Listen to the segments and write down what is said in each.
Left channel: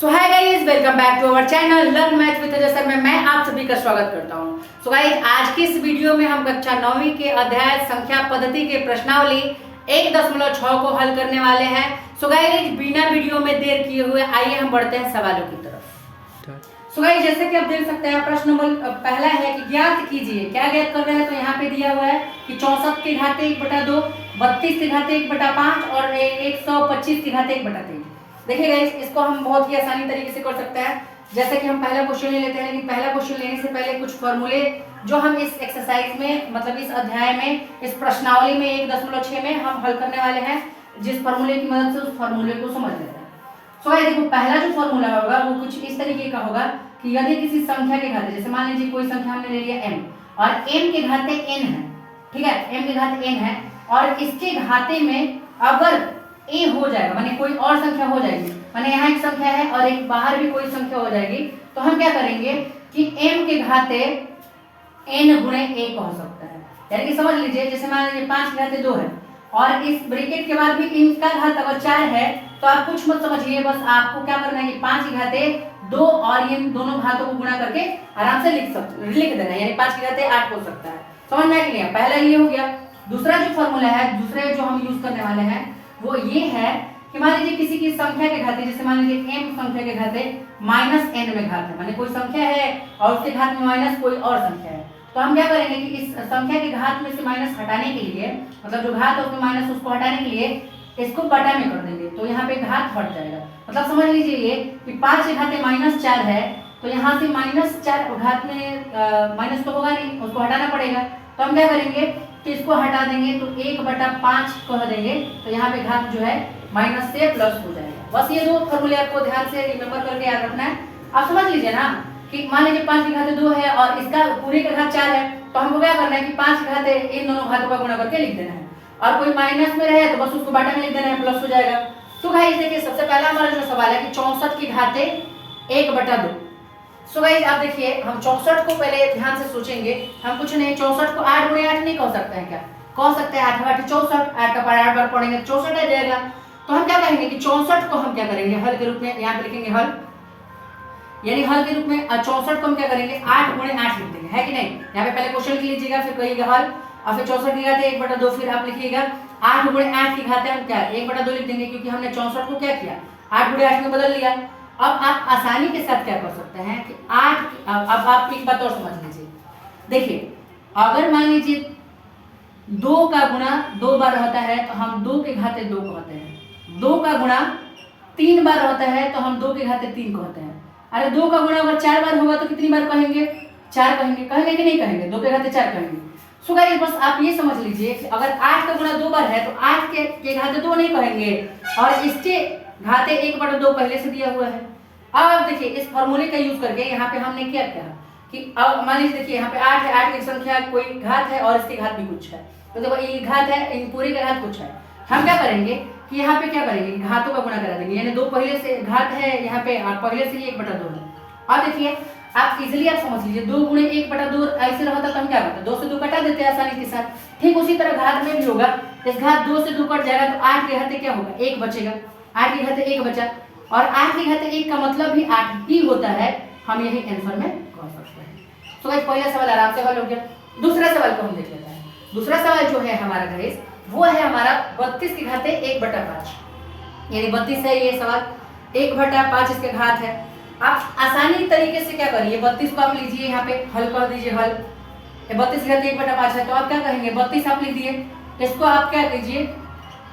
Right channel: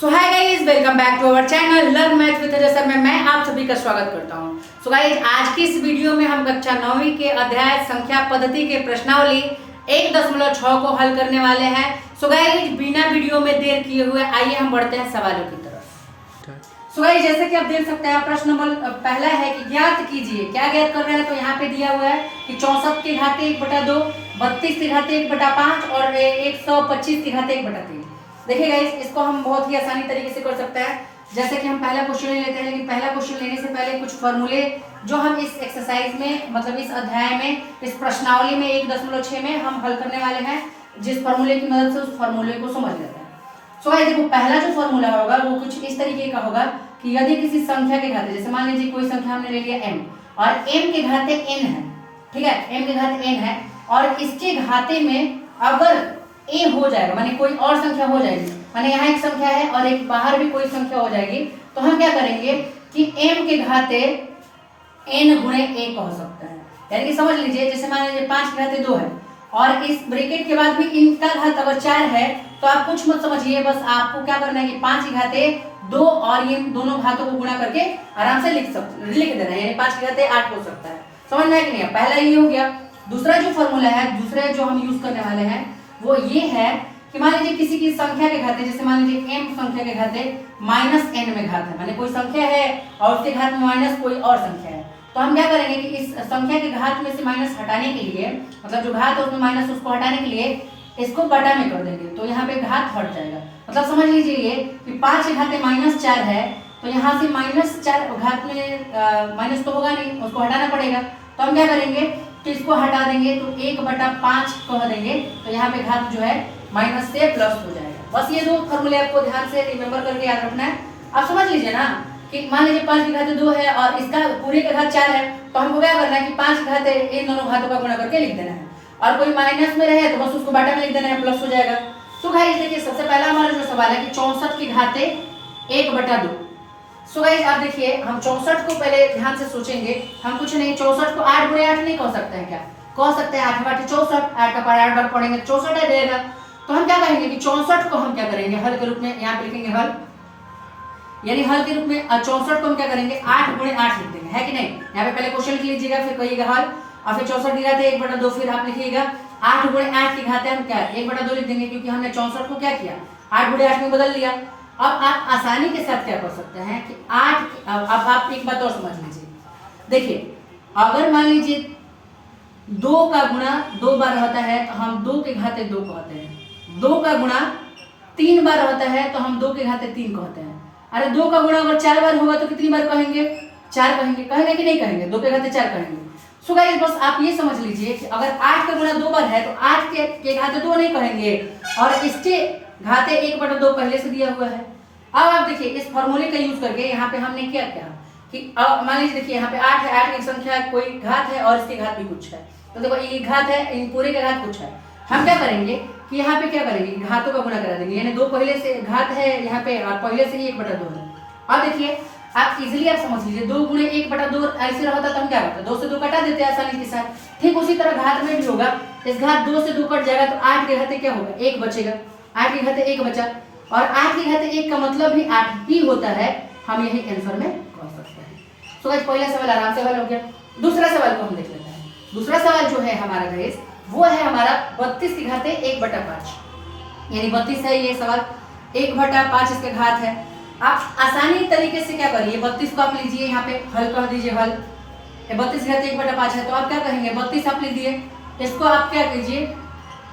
So hi guys, welcome back to our channel learn math with Ajay sir में मैं आप सभी का स्वागत करता हूं। सो गाइस, आज की इस वीडियो में हम कक्षा 9वीं के अध्याय संख्या पद्धति के प्रश्नावली 1.6 को हल करने वाले हैं। सो गाइस, बिना वीडियो में देर किए हुए आइए हम बढ़ते हैं सवालों की तरफ। सो गाइस, जैसे कि आप देख सकते हैं प्रश्न नंबर पहला है कि ज्ञात कीजिए। क्या ज्ञात कर रहे हैं तो यहाँ पे दिया हुआ है कि 64 की घात 1/2, 32 की घात 1/5 और 125 की घात 1/3। देखिए गाइस, इसको हम बहुत ही आसानी तरीके से कर सकते हैं। जैसे कि हम पहला क्वेश्चन ले लेते हैं, लेकिन पहला क्वेश्चन लेने से पहले कुछ फॉर्मूले जो हम इस एक्सरसाइज में मतलब इस अध्याय में इस प्रश्नावली में 1.6 में हम हल करने वाले हैं, जिस फॉर्मूले की मदद से उस फॉर्मूले को समझ लेते हैं। सो गाइस देखो, पहला जो फॉर्मूला होगा वो कुछ इस तरीके का होगा कि यदि किसी संख्या के घाते, जैसे मान लीजिए कोई संख्या हमने ले लिया m और m के घाते n है, ठीक है, m के घाते n है और इसके घाते में अगर a हो जाएगा माने कोई और संख्या हो जाएगी, माने यहाँ एक संख्या है और एक बाहर भी कोई संख्या हो जाएगी, तो हम क्या करेंगे कि m के घाते n गुणे a कह सकते हैं। यानी कि समझ लीजिए, जैसे मान लीजिए 5 के घाते 2 है और इस ब्रैकेट के बाद भी इनका घात अगर 4 है तो आप कुछ मत समझिए, बस आपको क्या करना है कि 5 के घाते 2 और ये दोनों घातों को गुणा करके आराम से लिख देना है, यानी 5 के घाते 8 हो सकता है। समझना है कि नहीं? पहला ये हो गया। दूसरा जो फॉर्मूला है, दूसरे जो हम यूज करने वाले हैं वो ये है कि मान लीजिए किसी की संख्या के घाते, जैसे मान लीजिए m संख्या के घाते -n में घात है, माने कोई संख्या है और उसके घात में माइनस कोई और संख्या है, तो हम क्या करेंगे कि इस संख्या के घात में से माइनस हटाने के लिए, मतलब जो घात है उसमें माइनस उसको हटाने के लिए इसको बटा में कर देंगे, तो यहाँ पे घात हट जाएगा। मतलब समझ लीजिए ये कि 5 के घाते -4 है, तो यहाँ से -4 घात में माइनस तो होगा नहीं, उसको हटाना पड़ेगा, तो हम क्या करेंगे तो इसको हटा देंगे तो 1/5 कह देंगे, तो यहाँ पे घात जो है माइनस से प्लस हो जाएगा। बस ये दो फॉर्मूले आपको ध्यान से रिमेंबर करके याद रखना है। आप समझ लीजिए ना कि मान लीजिए 5 के घाते 2 है और इसका पूरे का घात 4 है, तो हमको क्या करना है कि 5 के घाते इन दोनों घातों का गुणा करके लिख देना है, और कोई माइनस में रहे तो बस उसको बटा में लिख देना है, प्लस हो जाएगा। तो गाइस देखिए, सबसे पहला हमारा जो सवाल है कि 64 की घाते 1/2। सो गाइस आप देखिए, हम 64 को पहले ध्यान से सोचेंगे। हम कुछ नहीं, 64 को 8 गुणे 8 नहीं कह सकते हैं क्या? कह सकते हैं, 8 8 64, 8 का पारा 8 बार पढ़ेंगे 64 आ जाएगा। तो हम क्या करेंगे कि 64 को हम क्या करेंगे हल के रूप में, यहाँ पे लिखेंगे हल, यानी हल के रूप में 64 को हम क्या करेंगे 8 गुणे 8 लिख देंगे, है कि नहीं? यहाँ पे पहले क्वेश्चन लिख लीजिएगा, फिर कहिएगा हल, और फिर 64 की घाते 1/2, फिर आप लिखिएगा 8 गुणे 8 की घाते हम क्या 1/2 लिख देंगे, क्योंकि हमने 64 को क्या किया 8 गुणे 8 में बदल लिया। अब आप आसानी के साथ क्या कर सकते हैं कि 8, अब आप एक बात और समझ लीजिए। देखिए, अगर मान लीजिए 2 का गुणा 2 बार होता है तो हम 2 के घाते 2 कहते हैं, 2 का गुणा 3 बार होता है तो हम 2 के घाते 3 कहते हैं। अरे 2 का गुणा अगर 4 बार होगा तो कितनी बार कहेंगे? 4 कहेंगे। कहेंगे कि नहीं कहेंगे? 2 के घाते 4 कहेंगे। सो गाइस बस आप ये समझ लीजिए कि अगर 8 का गुणा 2 बार है तो 8 के घाते 2 नहीं कहेंगे, और इसके घाते 1/2 पहले से दिया हुआ है। अब आप देखिए, इस फॉर्मूले का यूज करके यहाँ पे हमने क्या किया कि अब मान लीजिए देखिए यहाँ पे 8 है, 8 की संख्या कोई घात है और इसके घात भी कुछ है, तो देखो ये घात है, इन पूरे का घात कुछ है। हम क्या करेंगे कि यहाँ पे क्या करेंगे घातों का गुणा करा देंगे, यानी 2 पहले से घात है यहाँ पे, पहले से ही 1/2 है। अब देखिए आप इजिली आप समझ लीजिए, 2 गुणे 1/2 ऐसे रहता तो हम क्या करते, 2 से 2 कटा देते हैं आसानी के साथ। ठीक उसी तरह घात में भी होगा, इस घात 2 से 2 कट जाएगा तो 8 के घाते क्या होगा 1 बचेगा, 8 के घाते 1 बचा, और 8 के घाते 1 का मतलब भी 8 ही होता है, हम यही आंसर में कह सकते हैं। तो गाइस पहला सवाल आराम से हल हो गया। दूसरा सवाल को हम देख लेते हैं। दूसरा सवाल जो है हमारा गाइस वो है हमारा 32 के घाते 1/5, यानी 32 है ये सवाल, 1/5 इसके घात है। आप आसानी तरीके से क्या करिए, 32 को आप लीजिए यहाँ पे हल कर दीजिए, हल 32 घाते 1/5 है, तो आप क्या कहेंगे 32 आप लिख दिए, इसको आप क्या कीजिए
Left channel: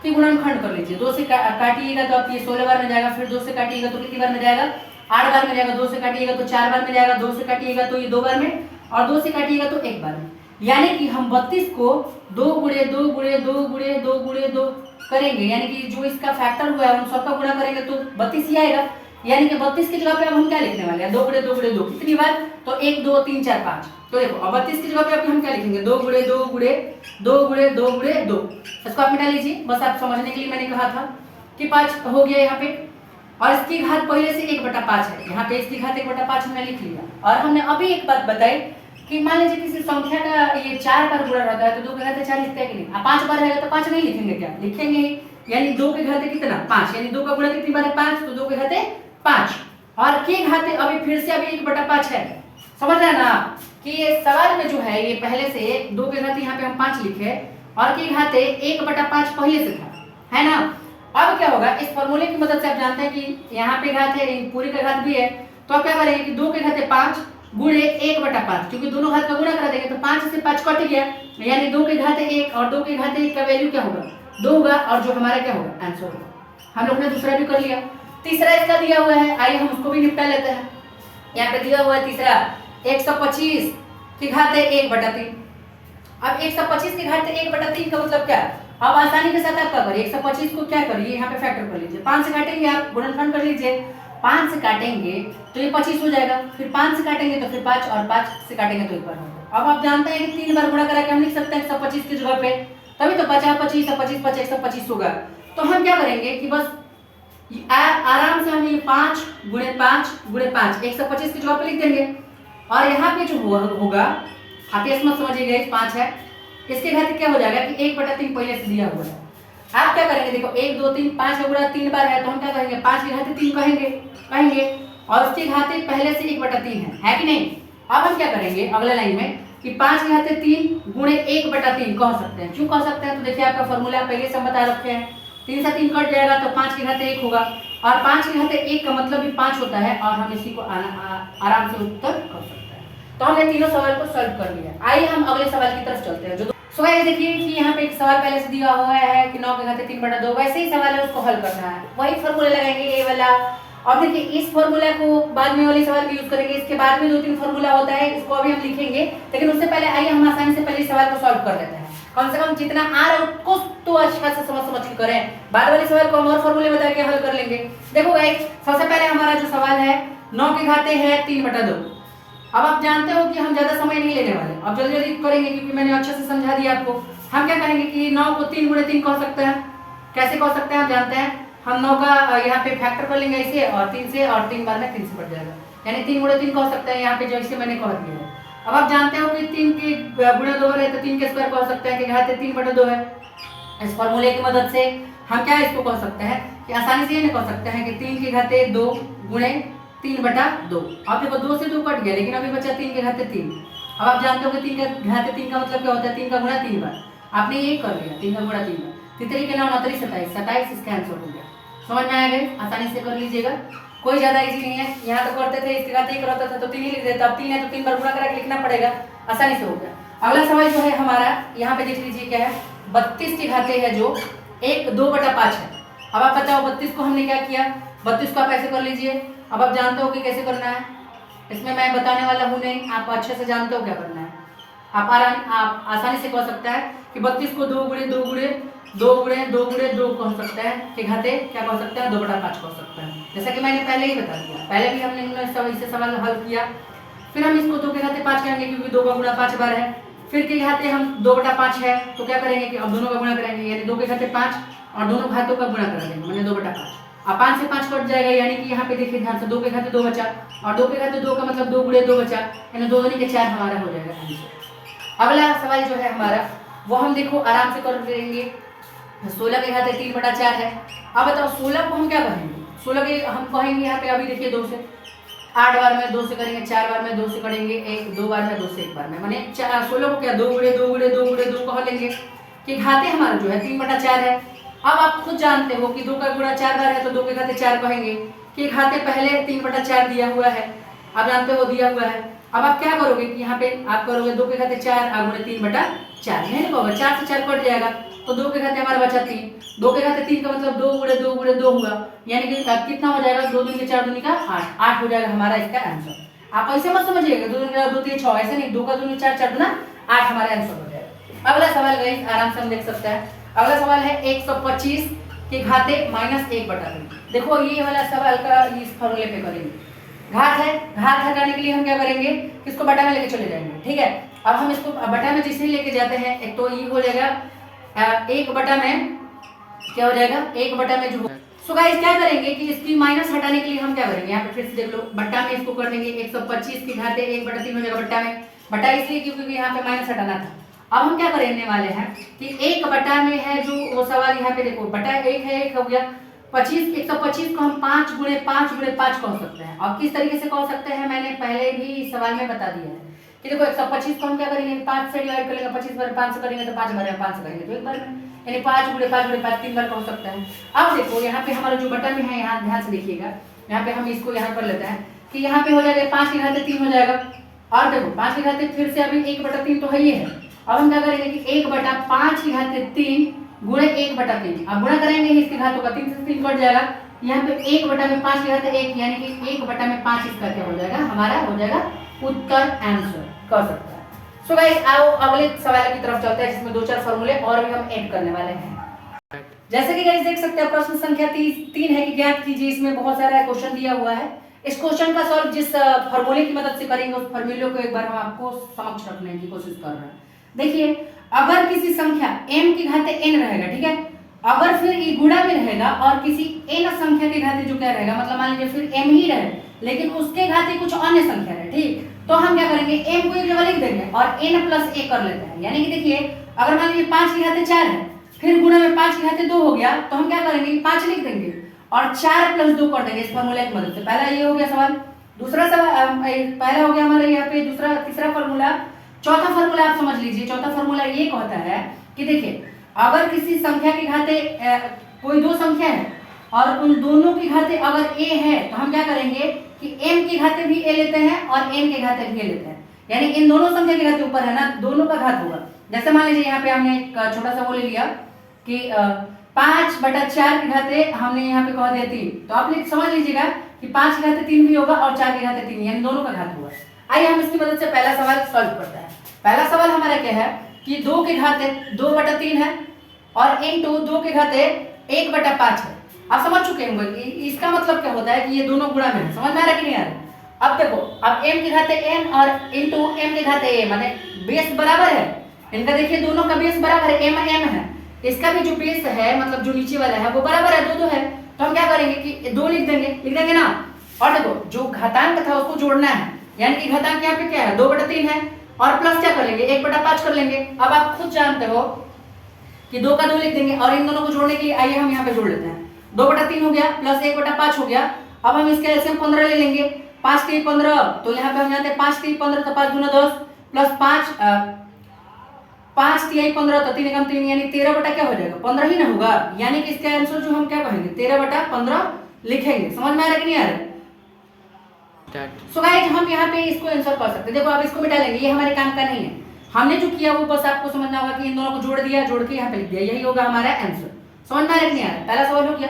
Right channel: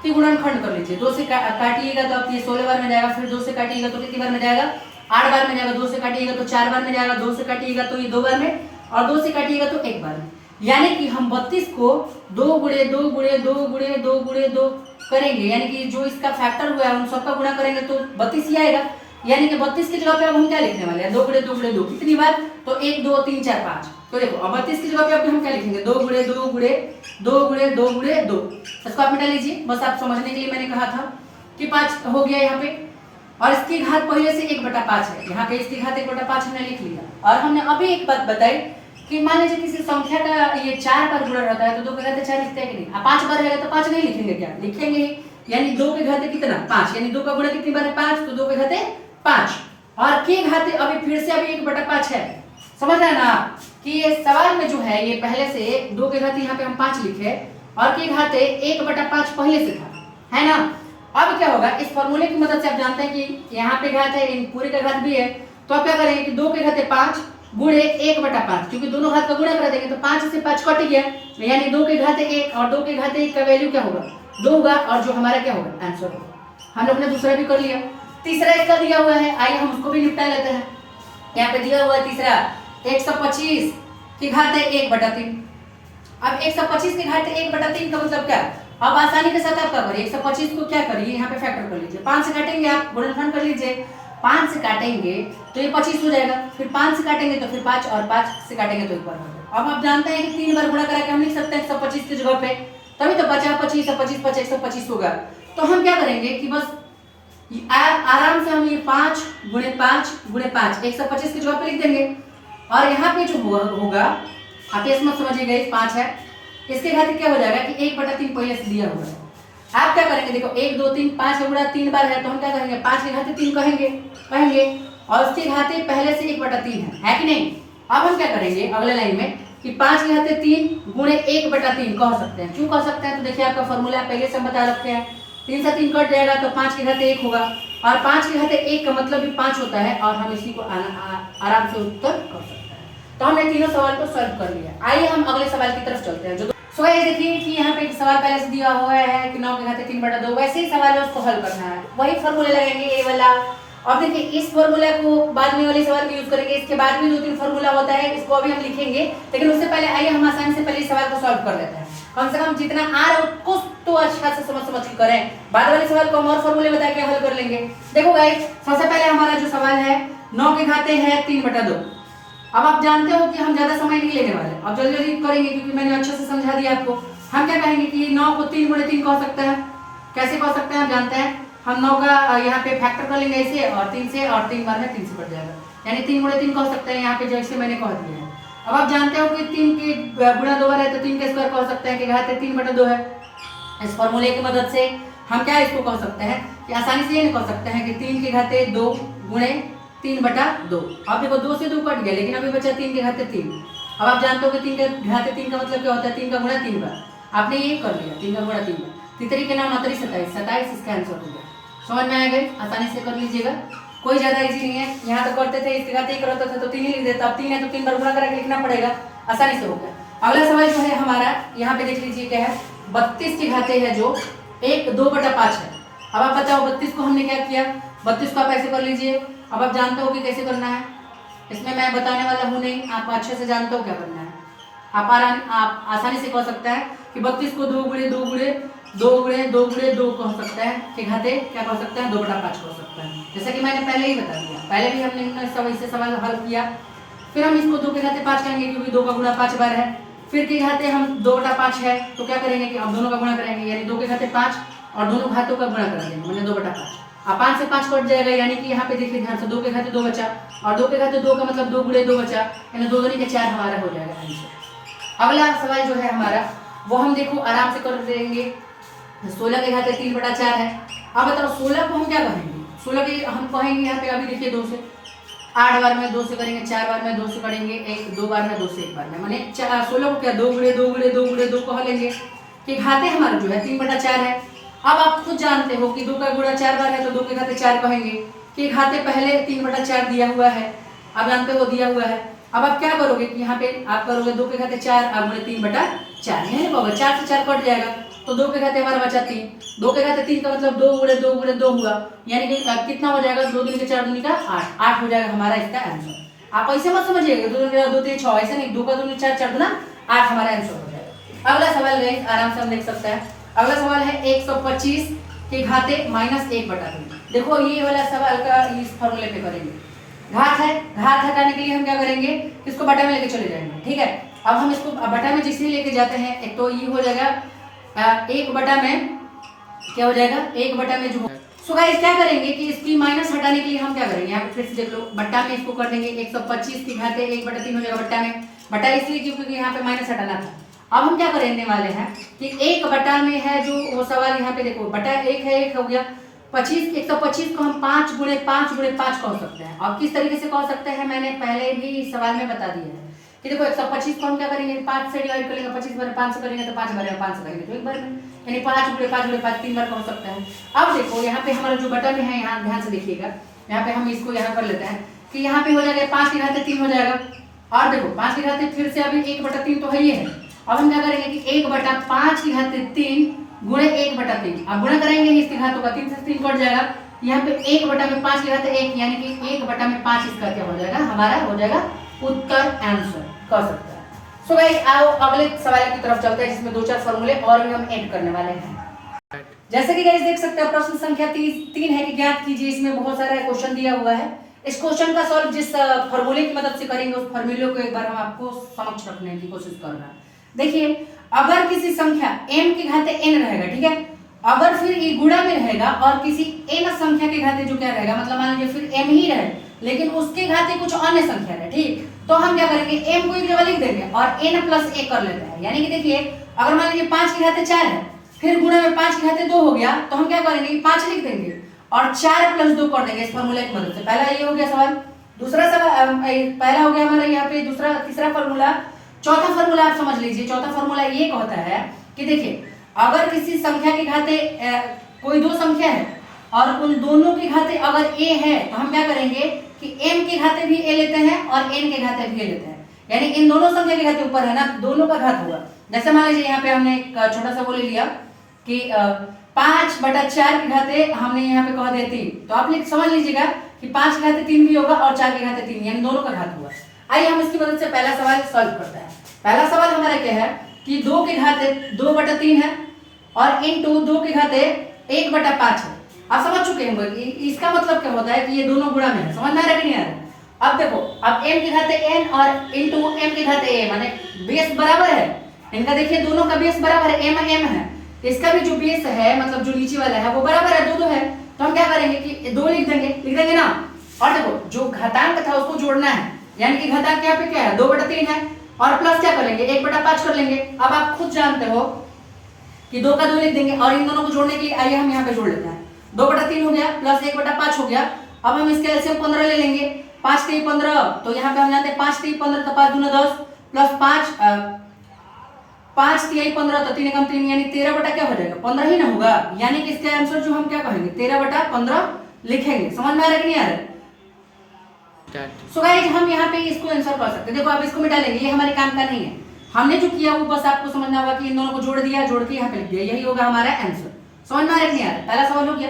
कि गुणनखंड कर लीजिए, 2 से काटिएगा तो आप ये 16 बार में जाएगा, फिर 2 से काटिएगा तो कितनी बार में जाएगा 8 बार में जाएगा, 2 से काटिएगा तो 4 बार में जाएगा, 2 से काटिएगा तो ये 2 बार में, और 2 से काटिएगा तो 1 बार में। यानी कि हम 32 को 2 गुणे 2 गुणे 2 गुणे 2 गुणे 2 करेंगे, यानी कि जो इसका फैक्टर हुआ है उन सबका गुणा करेंगे तो 32 ही आएगा। यानी कि 32 की जगह पे अब हम क्या लिखने वाले हैं 2 गुणे 2 गुणे 2 कितनी बार, तो 1 2 3 4 5। तो देखो अब 32 की जगह पे अब हम क्या लिखेंगे 2 गुणे 2 गुणे 2 गुणे 2 गुणे 2। इसको आप मिटा लीजिए, बस आप समझने के लिए मैंने कहा था कि 5 हो गया यहाँ पे, और इसकी घात पहले से 1/5 है, यहाँ पे इसकी घात 1/5 हमने लिख लिया। और हमने अभी एक बात बताई कि मान लीजिए किसी संख्या का ये 4 बार गुणा होता है तो 2 के घाते 4 लिखते हैं कि नहीं, 5 बार है तो 5 नहीं लिखेंगे क्या, लिखेंगे, यानी 2 के घाते कितना 5, यानी 2 का गुणा कितनी बार है 5, तो 2 के घाते 5। और के घाते अभी फिर से अभी 1/5 है। समझ रहे हैं ना कि ये सवाल में जो है ये पहले से 2 के घाते यहाँ पे हम 5 लिखे और के घाते 1/5 पहले से था, है ना। अब क्या होगा, इस फॉर्मूले की मदद से आप जानते हैं कि यहाँ पे घात है, पूरी का घात भी है, तो आप क्या करेंगे कि 2 के घाते 5 गुणे 1/5, क्योंकि दोनों घात का गुणा कर देंगे तो 5 से 5 कट गया, यानी 2 के घाते 1 और 2 के घाते 1 का वैल्यू क्या होगा 2 होगा, और जो हमारा क्या होगा आंसर होगा। हम लोग ने दूसरा भी कर लिया। तीसरा इसका दिया हुआ है, आइए हम उसको भी निपटा लेते हैं। यहाँ पे दिया हुआ है तीसरा 125 की घाते 1/3। अब 125 की घाते 1/3 का मतलब क्या, अब आसानी के साथ आप क्या करिए 125 को क्या करिए यहाँ पे फैक्टर कर लीजिए, 5 से काटेंगे, आप गुणनफल कर लीजिए, 5 से काटेंगे तो ये 25 हो जाएगा, फिर 5 से काटेंगे तो फिर 5 और 5 से काटेंगे तो 1 बार हो जाएगा। अब आप जानते हैं कि 3 बार गुणा करा के हम लिख सकते हैं 125 की जगह पे, तभी तो 50 25 25 5 125 होगा। तो हम क्या करेंगे कि बस आराम से हम ये 5 गुणे 5 गुणे 5 125 की जगह पे लिख देंगे, और यहाँ पे जो होगा आप ये मत समझिएगा 5 है, इसके घात क्या हो जाएगा कि 1/3 पहले से दिया हुआ है। आप क्या करेंगे, देखो 1 2 3 5 गुणा 3 बार है तो हम क्या करेंगे 5 के घाते 3 कहेंगे और उसके घाते पहले से 1/3 है कि नहीं। अब हम क्या करेंगे अगले लाइन में कि 5 के घाते 3 गुणे 1/3 कह सकते हैं। क्यों कह सकते हैं, तो देखिए आपका फॉर्मूला पहले से हम बता रखे हैं, 3 से 3 कट जाएगा तो 5 के घाते 1 होगा, और 5 के घाते 1 का मतलब भी 5 होता है, और हम इसी को आराम से उत्तर कर सकते हैं। तो हमने तीनों सवाल को सॉल्व कर लिया। आइए हम अगले सवाल की तरफ चलते हैं। जो गाइस देखिए कि यहाँ पे एक सवाल पहले से दिया हुआ है कि 9 के घाते 3/2, वैसे ही सवाल है उसको हल करना है, वही फॉर्मूला लगाएंगे ये वाला। और देखिए इस फॉर्मूला को बाद में वाले सवाल में यूज करेंगे, इसके बाद में 2-3 फॉर्मूला होता है, इसको अभी हम लिखेंगे, लेकिन उससे पहले आइए हम आसानी से पहले सवाल को सॉल्व कर लेते हैं। कम से कम जितना आ रहा है उसको तो अच्छा से समझ के करें, बाद वाले सवाल को हम और फॉर्मूले बता के हल कर लेंगे। देखो गाइस सबसे पहले हमारा जो सवाल है 9 के घाते है 3/2। अब आप जानते हो कि हम ज्यादा समय नहीं लेने वाले, अब जल्दी जल्दी करेंगे क्योंकि मैंने अच्छे से समझा दिया आपको। हम क्या करेंगे कि 9 को 3 गुणे 3 कह सकते हैं। कैसे कह सकते हैं आप जानते हैं, हम 9 का यहाँ पे फैक्टर कर लेंगे ऐसे और 3 से, और 3 बार में 3 से कट जाएगा, यानी 3 गुणे 3 कह सकते हैं यहाँ पे जैसे मैंने कह दिया है। अब आप जानते हो कि 3 के गुणा 2 है तो 3 के स्क्वायर कह सकते हैं कि घाते 3/2 है। इस फॉर्मूले की मदद से हम क्या इसको कह सकते हैं कि आसानी से ये कह सकते हैं कि 3 के घाते 2 गुणे 3/2। अब देखो 2 से 2 कट गया, लेकिन अभी बचा 3 के घाते 3। अब आप जानते हो कि 3 के घाते 3 का मतलब क्या होता है, 3 का गुणा 3 बार। आपने ये कर लिया 3 का गुणा 3 बार, तितरी के नाम 29 27 इसका आंसर हो गया। समझ में आ गई, आसानी से कर लीजिएगा, कोई ज्यादा इजी नहीं है। यहाँ तो करते थे इसके घाते 1 रहता था तो 3 ही लिख देते, अब 3 है तो 3 बार गुणा करा के लिखना पड़ेगा, आसानी से हो गया। अगला सवाल जो है हमारा यहाँ पे देख लीजिए क्या है, 32 के घाते है जो 2/5 है। अब आप बताओ 32 को हमने क्या किया, 32 को आप ऐसे कर लीजिए। अब आप जानते हो कि कैसे करना है, इसमें मैं बताने वाला हूँ नहीं, आप अच्छे से जानते हो क्या करना है। आप आसानी से कह सकते हैं कि 32 को 2 गुणे 2 गुणे 2 गुणे 2 गुणे 2 कह सकते हैं कि घाते क्या कह सकते हैं 2/5 कह सकते हैं, जैसा कि मैंने पहले ही बता दिया। पहले भी हमने सब इससे सवाल हल किया। फिर हम इसको 2 के घाते 5 कहेंगे क्योंकि 2 का गुणा 5 बार है। फिर के घाते हम 2/5 है तो क्या करेंगे कि अब दोनों का गुणा करेंगे, यानी 2 के घाते 5 और दोनों घातों का गुणा कर देंगे, मैंने 2/5। अब 5 से 5 कट जाएगा, यानी कि यहाँ पे देखिए ध्यान से 2 के घाते 2 बचा, और 2 के घाते 2 का मतलब 2 गुणे 2 बचा, यानी 2 दूनी के 4 हमारा हो जाएगा आंसर। अगला सवाल जो है हमारा वो हम देखो आराम से कर देंगे। 16 के घाते 3/4 है। अब बताओ 16 को हम क्या कहेंगे, 16 के हम कहेंगे यहाँ पे अभी देखिए 2 से 8 बार में 2 से करेंगे, 4 बार में 2 से करेंगे, 2 बार में 2 से 1 बार में, माने 16 को क्या 2 गुणे 2 गुणे 2 गुणे 2 कह लेंगे कि घाते हमारा जो है 3/4 है। अब आप खुद जानते हो कि 2 का गुणा 4 बार है तो 2 के घाते 4 कहेंगे कि घाते पहले 3/4 दिया हुआ है, आप जानते हो दिया हुआ है। अब आप क्या करोगे कि यहाँ पे आप करोगे 2 के घाते 4 और गुणे 3/4, यही होगा 4 से 4 कट जाएगा तो 2 के घाते हमारा बचा 3, 2 के घाते 3 का मतलब 2 गुणे 2 गुणे 2 हुआ, यानी कि कितना हो जाएगा 2 दूनी के 4 दूनी का 8 हो जाएगा हमारा इसका आंसर। आप ऐसे मत समझिएगा 2 दूनी 2 3 6 ऐसे नहीं, 2 का दूनी 4 4 दूना 8 हमारा आंसर हो जाएगा। अगला सवाल गाइस आराम से हम देख सकते हैं। अगला सवाल है 125 के घाते -1/3। देखो ये वाला सवाल का इस फॉर्मूले पे करेंगे, घात है, घात हटाने के लिए हम क्या करेंगे किसको बटा में लेके चले जाएंगे, ठीक है। अब हम इसको बटा में जिसमें लेके जाते हैं एक तो ये हो जाएगा 1 बटा में क्या हो जाएगा 1 बटा में जो सो गाइस क्या करेंगे कि इसकी माइनस हटाने के लिए हम क्या करेंगे, यहाँ पे फिर से देख लो बट्टा में इसको कर देंगे 125 की घाते 1/3 हो जाएगा बट्टा में, बट्टा इसलिए क्योंकि यहाँ पे माइनस हटाना था। अब हम क्या करने वाले हैं कि 1 बटा में है जो वो सवाल यहाँ पे देखो बटा 1 है 1 हो गया, 125 को हम 5 गुणे 5 गुणे 5 कह सकते हैं। और किस तरीके से कह सकते हैं मैंने पहले भी सवाल में बता दिया है कि देखो 125 को हम क्या करेंगे 5 से डिवाइड करेंगे, 25 बार 5 से करेंगे तो 5 बार 5 से करेंगे तो एक बार में, यानी 5 गुणे 5 गुणे 5 3 बार कह सकते हैं। अब देखो यहाँ पे हमारा जो बटन है, यहाँ ध्यान से देखिएगा, यहाँ पे हम इसको यहाँ कर लेते हैं कि यहाँ पे हो जाएगा 5 की घाते 3 हो जाएगा। और देखो 5 की घाते फिर से अभी 1/3 तो है ही है। अब हम क्या करेंगे कि 1/5 की घाते 3 गुणे 1/3, अब गुणा करेंगे इसके घातों का, 3 से 3 कट जाएगा, यहाँ पे 1/5 की घाते 1 यानी कि 1/5 इसका क्या हो जाएगा, हमारा हो जाएगा उत्तर, आंसर कर सकते हैं। सो गाइस आओ अगले सवाल की तरफ चलते हैं जिसमें 2-4 फॉर्मूले और भी हम ऐड करने वाले हैं। जैसे कि गाइस देख सकते हैं प्रश्न संख्या 3 है कि ज्ञात कीजिए, इसमें बहुत सारा क्वेश्चन दिया हुआ है। इस क्वेश्चन का सॉल्व जिस फॉर्मूले की मदद से करेंगे उस फॉर्मूले को एक बार हम आपको समक्ष रखने की कोशिश कर रहे हैं। देखिए अगर किसी संख्या m की घाते n रहेगा, ठीक है, अगर फिर ये गुणा में रहेगा और किसी n संख्या के घाते जो क्या रहेगा, मतलब मान लीजिए फिर m ही रहे लेकिन उसके घाते कुछ अन्य संख्या है, ठीक, तो हम क्या करेंगे m को एक जगह लिख देंगे और n + 1 कर लेते हैं। यानी कि देखिए अगर मान लीजिए 5 की घाते 4 है, फिर गुणा में 5 की घाते 2 हो गया, तो हम क्या करेंगे 5 लिख देंगे और 4 + 2 कर देंगे इस फार्मूले की मदद से। पहला ये हो गया सवाल। दूसरा सवाल पहला हो गया हमारा यहाँ पे, दूसरा तीसरा फार्मूला। चौथा फार्मूला आप समझ लीजिए। चौथा फार्मूला ये कहता है कि देखिए अगर किसी संख्या के घाते कोई दो संख्या है और उन दोनों के घाते अगर a है तो हम क्या करेंगे कि m के घाते भी a लेते हैं और n के घाते भी a लेते हैं, यानी इन दोनों संख्या के घाते ऊपर है ना, दोनों का घात होगा। जैसे मान लीजिए यहाँ पे हमने एक छोटा सा वो ले लिया कि 5/4 के घाते हमने यहाँ पे कह दिया 3, तो आप समझ लीजिएगा कि 5 के घाते 3 भी होगा और 4 के घाते 3, यानी दोनों का घात हुआ। आइए हम इसकी मदद से पहला सवाल सॉल्व करते हैं। पहला सवाल हमारा क्या है कि 2 के घाते 2/3 है और इनटू 2 के घाते 1/5 है। आप समझ चुके होंगे कि इसका मतलब क्या होता है कि ये दोनों गुणा में है। समझ में आ रहा है कि नहीं आ रहा? अब देखो अब m के घाते n और इनटू m के घाते a, माने बेस बराबर है इनका। देखिए दोनों का बेस बराबर है, m है, इसका भी जो बेस है मतलब जो नीचे वाला है वो बराबर है, 2 है, तो हम क्या करेंगे कि 2 लिख देंगे ना। और देखो जो घातांक था उसको जोड़ना है, यानी कि घातांक यहाँ पे क्या है 2/3 है और प्लस क्या कर लेंगे 1/5 कर लेंगे। अब आप खुद जानते हो कि 2 का 2 लिख देंगे और इन दोनों को जोड़ने के लिए आइए हम यहाँ पे जोड़ लेते हैं। 2/3 हो गया प्लस 1/5 हो गया। अब हम इसके एलसीएम 15 ले लेंगे, 5 3 15, तो यहाँ पे हम जानते हैं 5 3 15 तो 5 दूना 10 प्लस 5 3 15 तो 3 × 3 यानी 13 बटा क्या हो जाएगा 15 ही ना होगा, यानी कि इसका आंसर जो हम क्या कहेंगे 13/15 लिखेंगे। समझ में आ रहा है कि नहीं आ रहा है? सो गाइस हम यहाँ पे इसको आंसर कर सकते हैं। देखो आप इसको मिटा लेंगे, ये हमारे काम का नहीं है। हमने जो किया वो बस आपको समझना होगा कि इन दोनों को जोड़ दिया, जोड़ के यहाँ पे लिख दिया, यही होगा हमारा आंसर। समझ में आ रहा है कि नहीं आ रहा? पहला सवाल हो गया।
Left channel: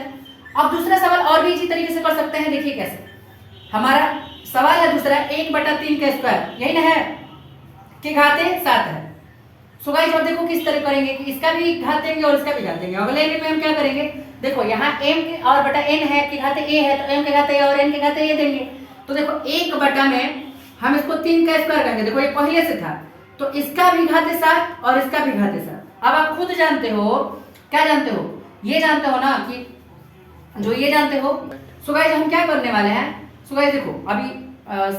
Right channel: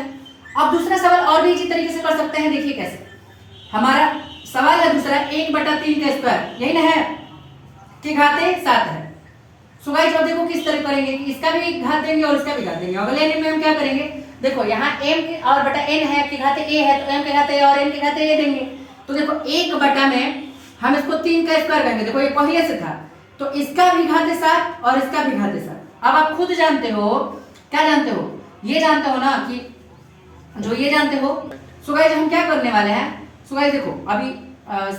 अब दूसरा सवाल और भी इसी तरीके से कर सकते हैं। देखिए कैसे, हमारा सवाल है दूसरा 1/3 का स्क्वायर, यही ना है, के घाते 7 है। सो गाइस अब देखो किस तरह करेंगे कि इसका भी घात देंगे और इसका भी घात देंगे। अगले में हम क्या करेंगे, देखो यहाँ m के और बटा n है के घाते a है, तो m के घाते a और n के घाते a देंगे। तो देखो 1 में हम इसको 3 का स्क्वायर करेंगे, देखो ये पहले से था, तो इसका भी घाते 7 और इसका भी घाते 7। अब आप खुद जानते हो, क्या जानते हो, ये जानते हो ना कि जो ये जानते हो। सो गाइस हम क्या करने वाले हैं, सो गाइस देखो अभी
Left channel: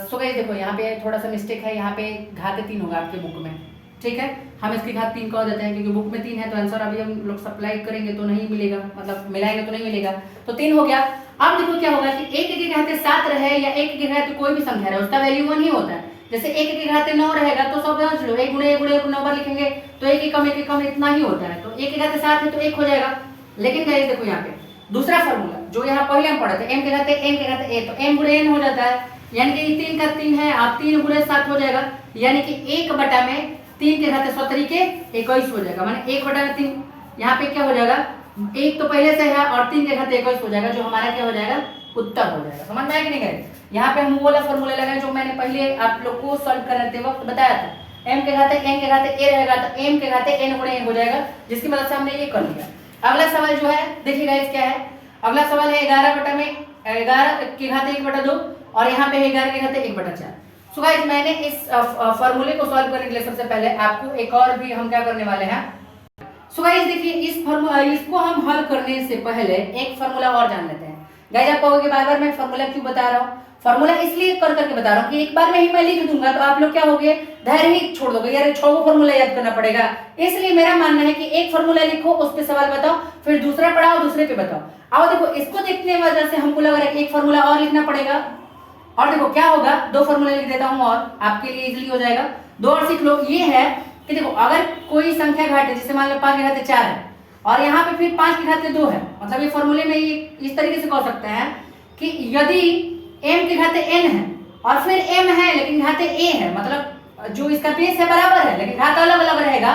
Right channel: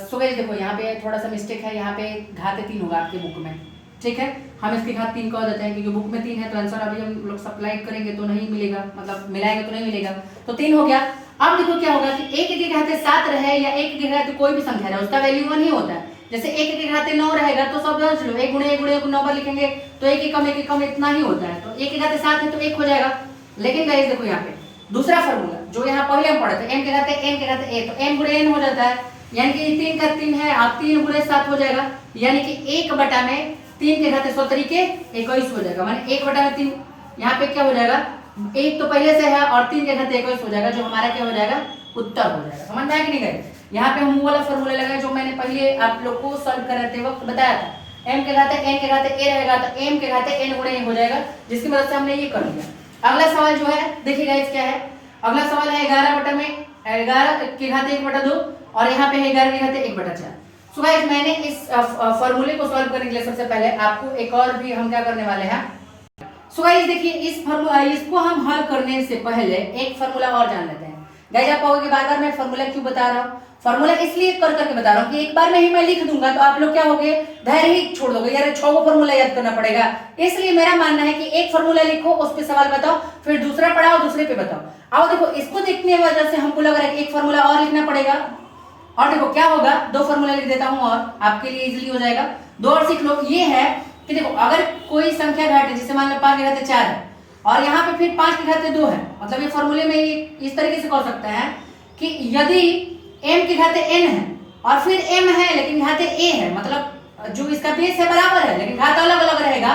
सो गाइस देखो यहाँ पे थोड़ा सा मिस्टेक है, यहाँ पे घाते 3 होगा आपके बुक में, ठीक है, हम इसके घात 3 कह देते हैं क्योंकि बुक में 3 है, तो आंसर अभी हम लोग सप्लाई करेंगे तो नहीं मिलेगा, मतलब मिलाएंगे तो नहीं मिलेगा, तो 3 हो गया। अब देखो क्या होगा कि 1 के घाते 7 रहे या 1 के घाते कोई भी संख्या रहे उसका वैल्यू 1 ही होता है। जैसे 1 के घाते 9 रहेगा तो सब समझ लो 1 गुणे 1 9 बार लिखेंगे तो 1 कम इतना ही होता है, तो 1 के घाते 7 है तो 1 हो जाएगा। लेकिन गाइस देखो यहाँ पे दूसरा फॉर्मूला जो यहाँ पहले हम पढ़े थे, m के घाते n के घाते a, तो m गुणे n हो जाता है, यानी कि 3 का 3 है और 3 गुणे 7 हो जाएगा, यानी कि 1/3 के घाते 70 के 21 हो जाएगा, माने 1/3 यहाँ पे क्या हो जाएगा, 1 तो पहले से है और 3 के घाते 21 हो जाएगा, जो हमारा क्या हो जाएगा उत्तर हो जाएगा। समझ में आया कि नहीं गए? यहाँ पे हम वो वाला फॉर्मूला लगाए जो मैंने पहले आप लोग को सॉल्व कराते वक्त बताया था, m के घाते n के घाते a रहेगा तो m के घाते n गुणे a हो जाएगा, जिसकी मदद से हमने ये कर लिया। अगला सवाल जो है देखिएगा इस क्या है, अगला सवाल है 11 के घाते 1/2 और यहाँ पे 11 के घाते 1/4। सो गाइस मैंने इस फॉर्मूले को सॉल्व करने के लिए सबसे पहले आपको एक और भी हम क्या करने वाले हैं। सो गाइस देखिए इस फॉर्मूला इसको हम हल करने से पहले एक फॉर्मूला और जान लेते हैं गाइस आप कहोगे बार बार मैं फॉर्मूला क्यों बता रहा हूँ, फॉर्मूला इसलिए कर करके बता रहा हूँ कि एक बार में ही मैं लिख दूंगा तो आप लोग क्या होगे, धैर्य ही छोड़ दोगे, यार 6 को फॉर्मूला याद करना पड़ेगा। इसलिए मेरा मानना है कि एक फॉर्मूला लिखो, उस पे सवाल बताओ, फिर दूसरा पढ़ाओ, दूसरे पे बताओ। आओ देखो, इसको देखने की वजह से हमको लग रहा है कि एक फॉर्मूला और लिखना पड़ेगा, और देखो क्या होगा, 2 फॉर्मूला लिख देता हूँ और आपके लिए इजीली हो जाएगा। 2 और सीख लो। ये है कि देखो अगर कोई संख्या घाटे, जैसे मान लो 5 के घाते 4 है और यहाँ पे फिर 5 के घाते 2 है, मतलब ये फॉर्मूले में ये इस तरीके से कह सकते हैं कि यदि m के घाते n है और फिर m है लेकिन घाते a है, मतलब जो इसका बेस है बराबर है लेकिन घात अलग अलग रहेगा,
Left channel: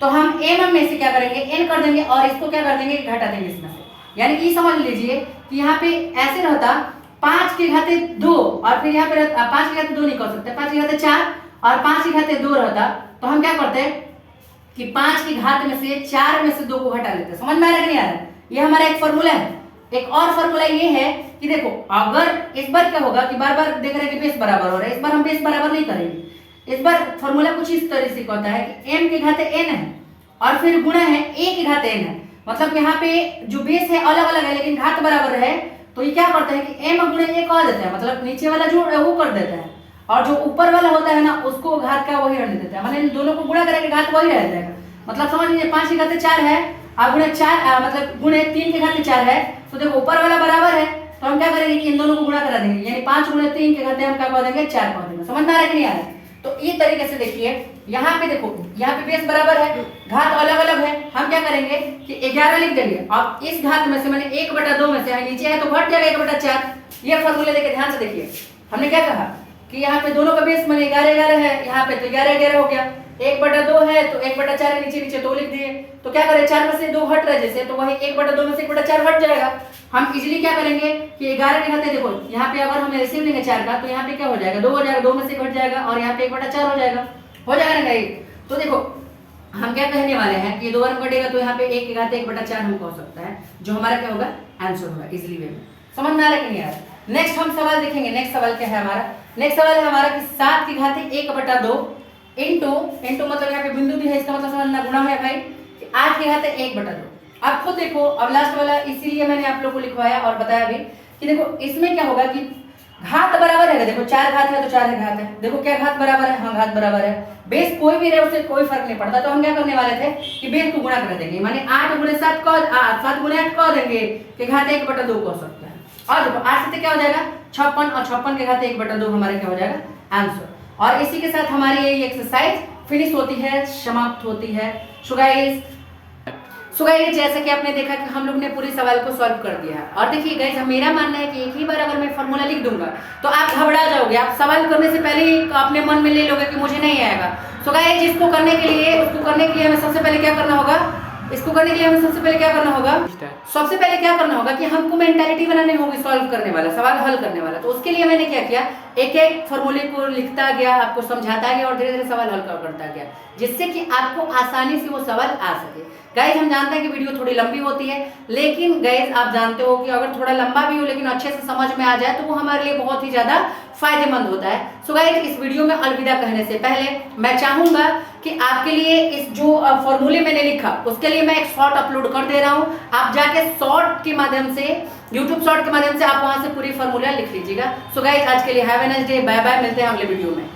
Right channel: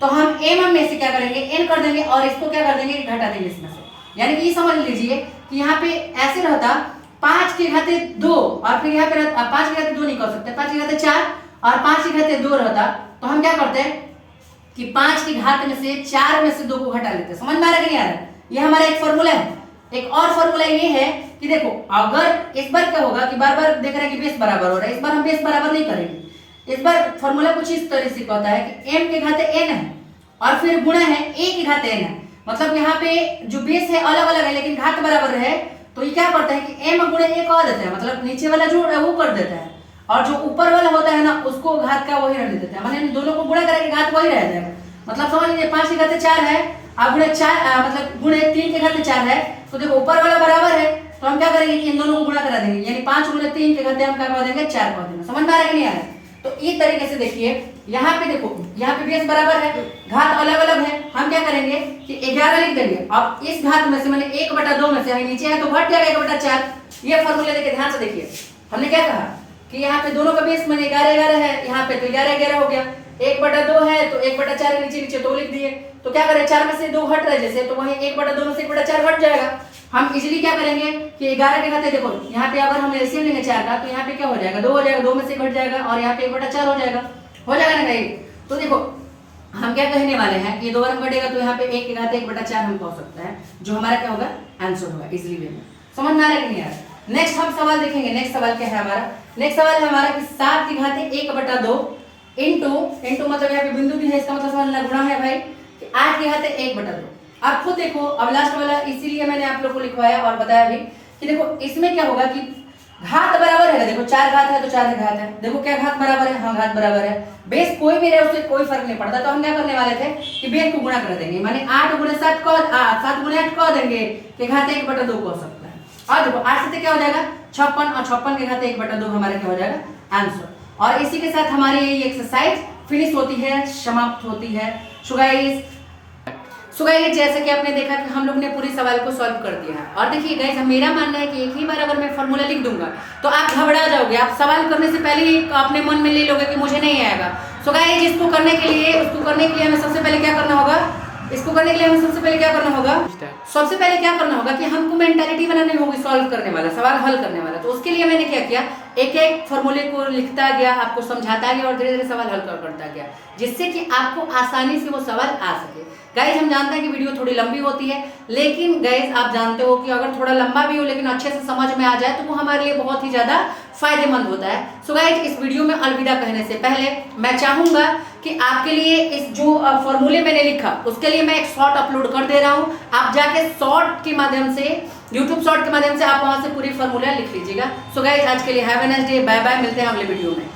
तो हम m में से क्या करेंगे, n कर देंगे और इसको क्या कर देंगे, घटा देंगे इसमें से। यानी कि समझ लीजिए कि यहाँ पे ऐसे रहता 5 के घाते 2 और फिर यहाँ पे 5 के घाते 2 नहीं कर सकते, 5 के घाते 4 और 5 के घाते 2 रहता, तो हम क्या करते हैं कि 5 के घात में से 4 में से 2 को घटा लेते हैं। समझ में आ रहा है कि नहीं आ रहा है? ये हमारा एक फॉर्मूला है। एक और फॉर्मूला ये है कि देखो अगर इस बार क्या होगा कि बार बार देख रहे हैं कि बेस बराबर हो रहा है, इस बार हम बेस बराबर नहीं करेंगे। इस बार फॉर्मूला कुछ इस तरह से कहता है कि m के घाते n है और फिर गुणा है a के घाते n है, मतलब यहाँ पे जो बेस है अलग अलग है लेकिन घात बराबर है, तो ये क्या करता है कि m गुणे a कर देता है, मतलब नीचे वाला जो है वो कर देता है और जो ऊपर वाला होता है ना उसको घात का वही रख देता है, मतलब इन दोनों को गुणा करेंगे घात वही रह जाएगा। मतलब समझ लीजिए 5 के घाते 4 है और गुणे 4 मतलब गुणे 3 के घाते 4 है, तो देखो ऊपर वाला बराबर है तो हम क्या करेंगे कि इन दोनों को गुणा करा देंगे, यानी 5 गुणे 3 के घाते हम क्या कर देंगे 4 कर देंगे। समझ में आ रहा है कि नहीं आ रहा है? तो इस तरीके से देखिए यहाँ पे देखो, यहाँ पे बेस बराबर है, घात अलग अलग है, हम क्या करेंगे कि 11 लिख देंगे और इस घात में से मैंने 1/2 में से नीचे है तो घट जाएगा 1/4। ये फॉर्मूला देखिए ध्यान से देखिए, हमने क्या कहा कि यहाँ पे दोनों का बेस मैंने 11 है, यहाँ पे तो 11 हो गया, 1/2 है तो 1/4 नीचे नीचे 2 लिख दिए, तो क्या करें 4 में से 2 हट रहे जैसे, तो वही 1/2 में से 1/4 हट जाएगा। हम इजीली क्या करेंगे कि 11 के घाते देखो यहाँ पे अगर हम एलसीएम लेंगे 4 का तो यहाँ पे क्या हो जाएगा 2 हो जाएगा, 2 में से घट जाएगा और यहाँ पे 1/4 हो जाएगा ना गाइस। तो देखो हम क्या कहने वाले हैं कि 2 बार घटेगा तो यहाँ पे 1 के घाते 1/4 हम कह सकते हैं, जो हमारा क्या होगा आंसर होगा इजीली वे में। समझ में आ रहा है कि नहीं आ रहा है? नेक्स्ट हम सवाल देखेंगे। नेक्स्ट सवाल क्या है हमारा, नेक्स्ट सवाल है हमारा कि 7 के घाते 1/2 इंटू मतलब यहाँ पे बिंदु भी है, इसका मतलब समझना गुणा है भाई कि 8 के घाते 1/2। आप खुद देखो, अब लास्ट वाला इसीलिए मैंने आप लोग को लिखवाया और बताया भी कि देखो इसमें क्या होगा कि घात बराबर है, देखो 4 घात है तो 4 है घात है, देखो क्या घात बराबर है, हाँ घात बराबर है, बेस कोई भी रहे उससे कोई फर्क नहीं पड़ता। तो हम क्या करने वाले थे कि बेस को गुणा कर देंगे, माने 8 गुणे 7 को 7 गुणे 8 कह देंगे कि घात 1/2 कह सकता है। और देखो 8 से क्या हो जाएगा 56 और 56 के घाते 1/2 हमारा क्या हो जाएगा आंसर। और इसी के साथ हमारी ये एक्सरसाइज फिनिश होती है, समाप्त होती है। सो गाइस जैसे कि आपने देखा कि हम लोग ने पूरी सवाल को सॉल्व कर दिया है। और देखिए गाइस मेरा मानना है कि एक ही बार अगर मैं फॉर्मूला लिख दूंगा तो आप घबरा जाओगे, आप सवाल करने से पहले ही अपने मन में ले लोगे कि मुझे नहीं आएगा। सो गाइस इसको करने के लिए हमें सबसे पहले क्या करना होगा, सबसे पहले क्या करना होगा कि हमको मेंटालिटी बनानी होगी सॉल्व करने वाला, सवाल हल करने वाला। तो उसके लिए मैंने क्या किया, एक एक फॉर्मूले को लिखता गया, आपको समझाता गया और धीरे धीरे सवाल हल करता गया, जिससे कि आपको आसानी से वो सवाल आ सके। गाइज हम जानते हैं कि वीडियो थोड़ी लंबी होती है, लेकिन गाइज आप जानते हो कि अगर थोड़ा लंबा भी हो लेकिन अच्छे से समझ में आ जाए तो वो हमारे लिए बहुत ही ज्यादा फायदेमंद होता है। सो गाइज इस वीडियो में अलविदा कहने से पहले मैं चाहूंगा कि आपके लिए इस जो फॉर्मूले मैंने लिखा उसके लिए मैं एक शॉर्ट अपलोड कर दे रहा हूं, आप जाके शॉर्ट के माध्यम से यूट्यूब शॉर्ट के माध्यम से आप वहां से पूरी फॉर्मूला लिख लीजिएगा। सो गाइज आज के लिए have a nice day, bye bye, मिलते हैं अगले वीडियो में।